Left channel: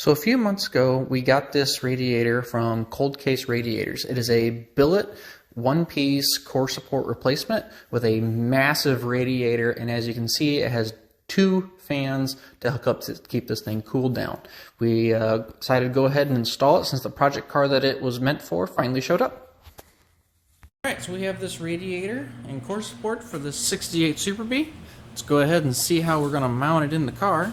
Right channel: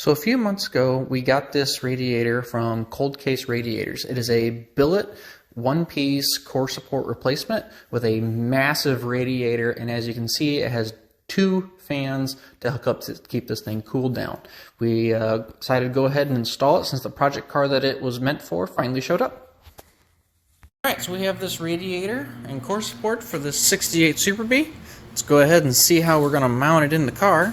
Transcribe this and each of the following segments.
So a few months ago, we got this radiator from Cold Case Radiators. It is a billet one-piece core support replacement with a massive radiator, and as you can see, it has two fans to hook up to keep this thing cooled down. We decided to go ahead and install it since the project car that it was meant for finally showed up. Alright, so we have this radiator and core support for this 68 Superbee. Let's go ahead and see how we're going to mount it in the car.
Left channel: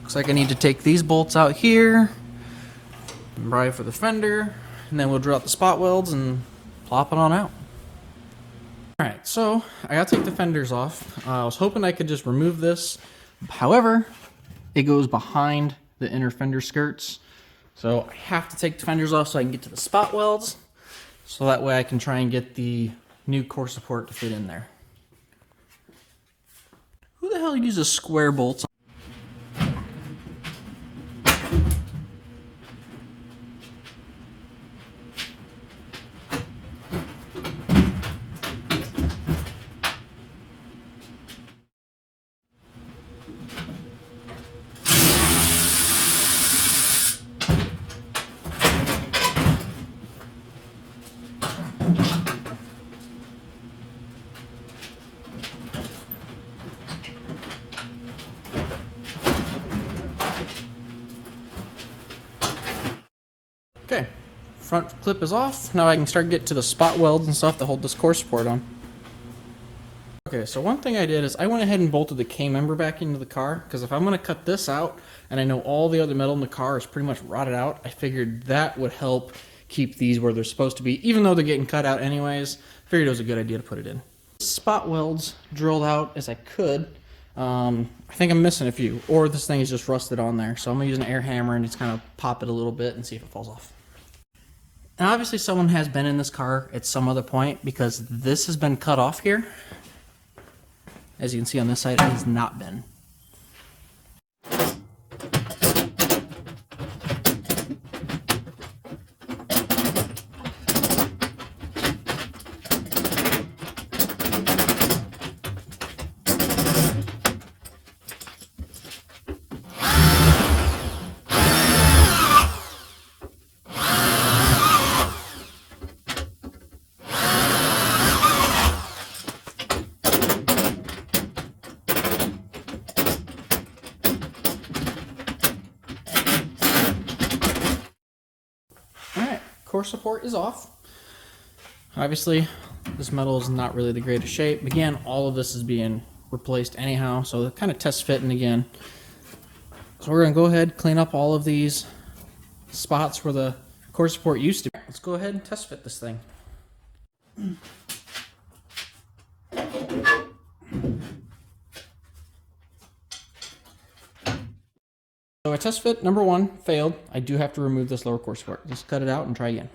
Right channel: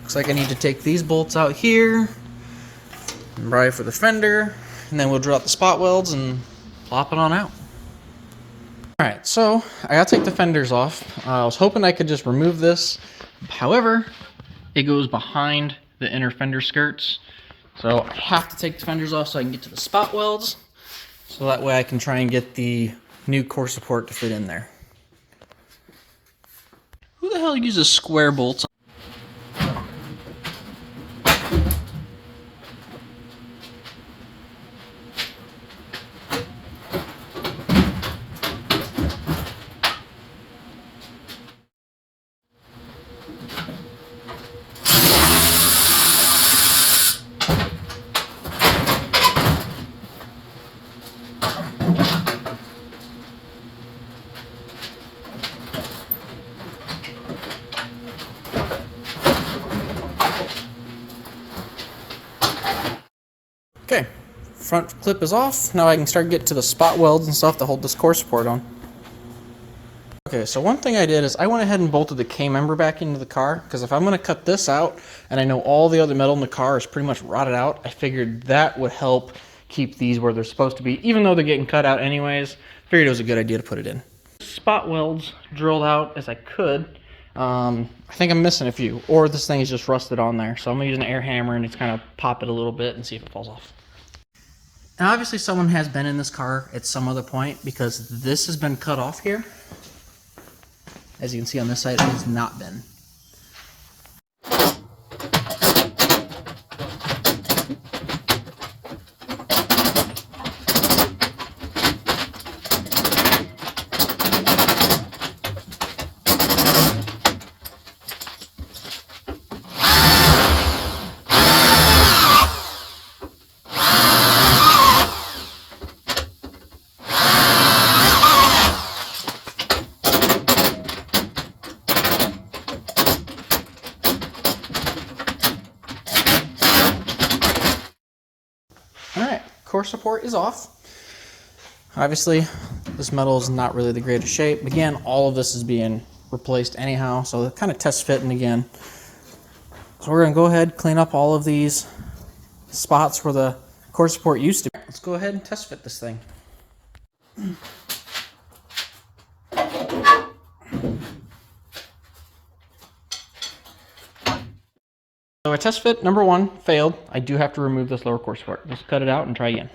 Looks like I need to take these bolts out here, and probably for the fender, and then we'll drill out the spot welds and plop it on out. Alright, so I gotta take the fenders off. I was hoping I could just remove this. However, it goes behind the inner fender skirts. So I have to take the fenders off so I can get to the spot welds. So that way I can try and get the new core support to fit in there. Who the hell uses square bolts? Okay, front clip is off. Now I can start getting to the spot welds and stuff to hold this core support on. Okay, so one thing I did is I went ahead and bolted the K-member back into the car, because if I'm going to cut this out, and I know all the other metal in the car is pretty much rotted out, I figured that would help keep these where they're supposed to be, even though they're getting cut out anyways. Figured it was a good idea to put it in. Spot welds drilled out as I could. I think I'm missing a few, or this thing is just rusted on there, so I'm going to use an air hammer and just kind of pop it a little bit and see if it falls off. Now obviously someone has been in this car at some other point, because this has been cut off here. As you can see on this side, it has not been. Alright, core support is off. Obviously, this metal is not really the greatest shape. Again, all of this is being replaced anyhow, so it kind of test fitting again. So we're going to go ahead, clean up all of these spots where the core support used to be. Let's go ahead and test fit this thing. So I test fit number one failed. I do have to remove this lower core support. Let's cut it out and try again.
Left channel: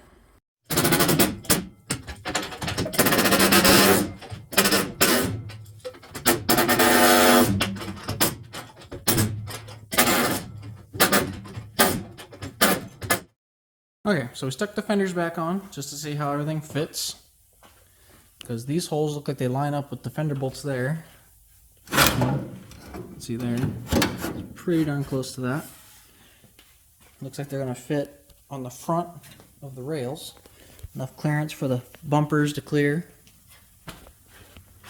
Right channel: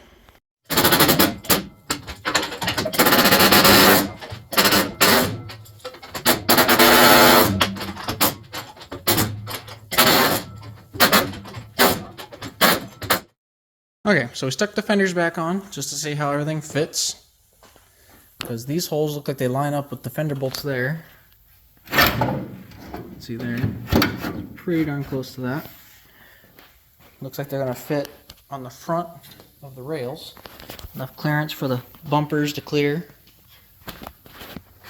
Okay, so we stuck the fenders back on just to see how everything fits, because these holes look like they line up with the fender bolts there. See there? Pretty darn close to that. Looks like they're going to fit on the front of the rails. Enough clearance for the bumpers to clear.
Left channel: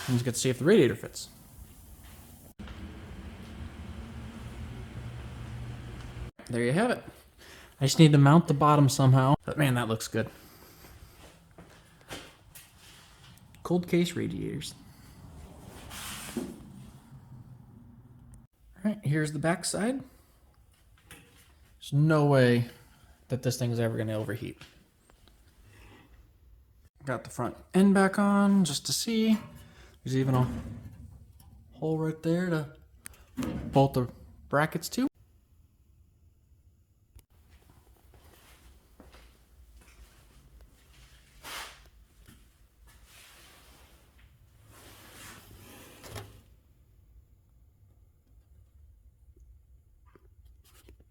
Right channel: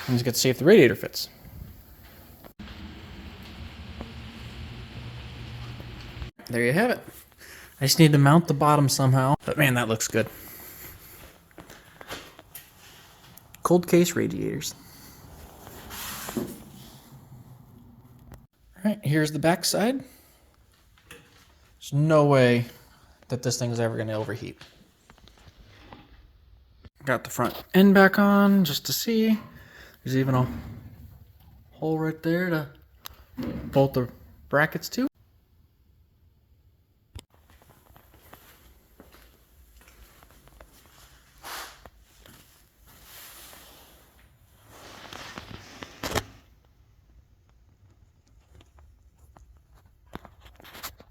And just get to see if the radiator fits. There you have it. I just need to mount the bottom somehow. But man, that looks good. Cold Case Radiators. Alright, here's the back side. There's no way that this thing is ever going to overheat. Got the front end back on just to see. There's even a hole right there to bolt the brackets to.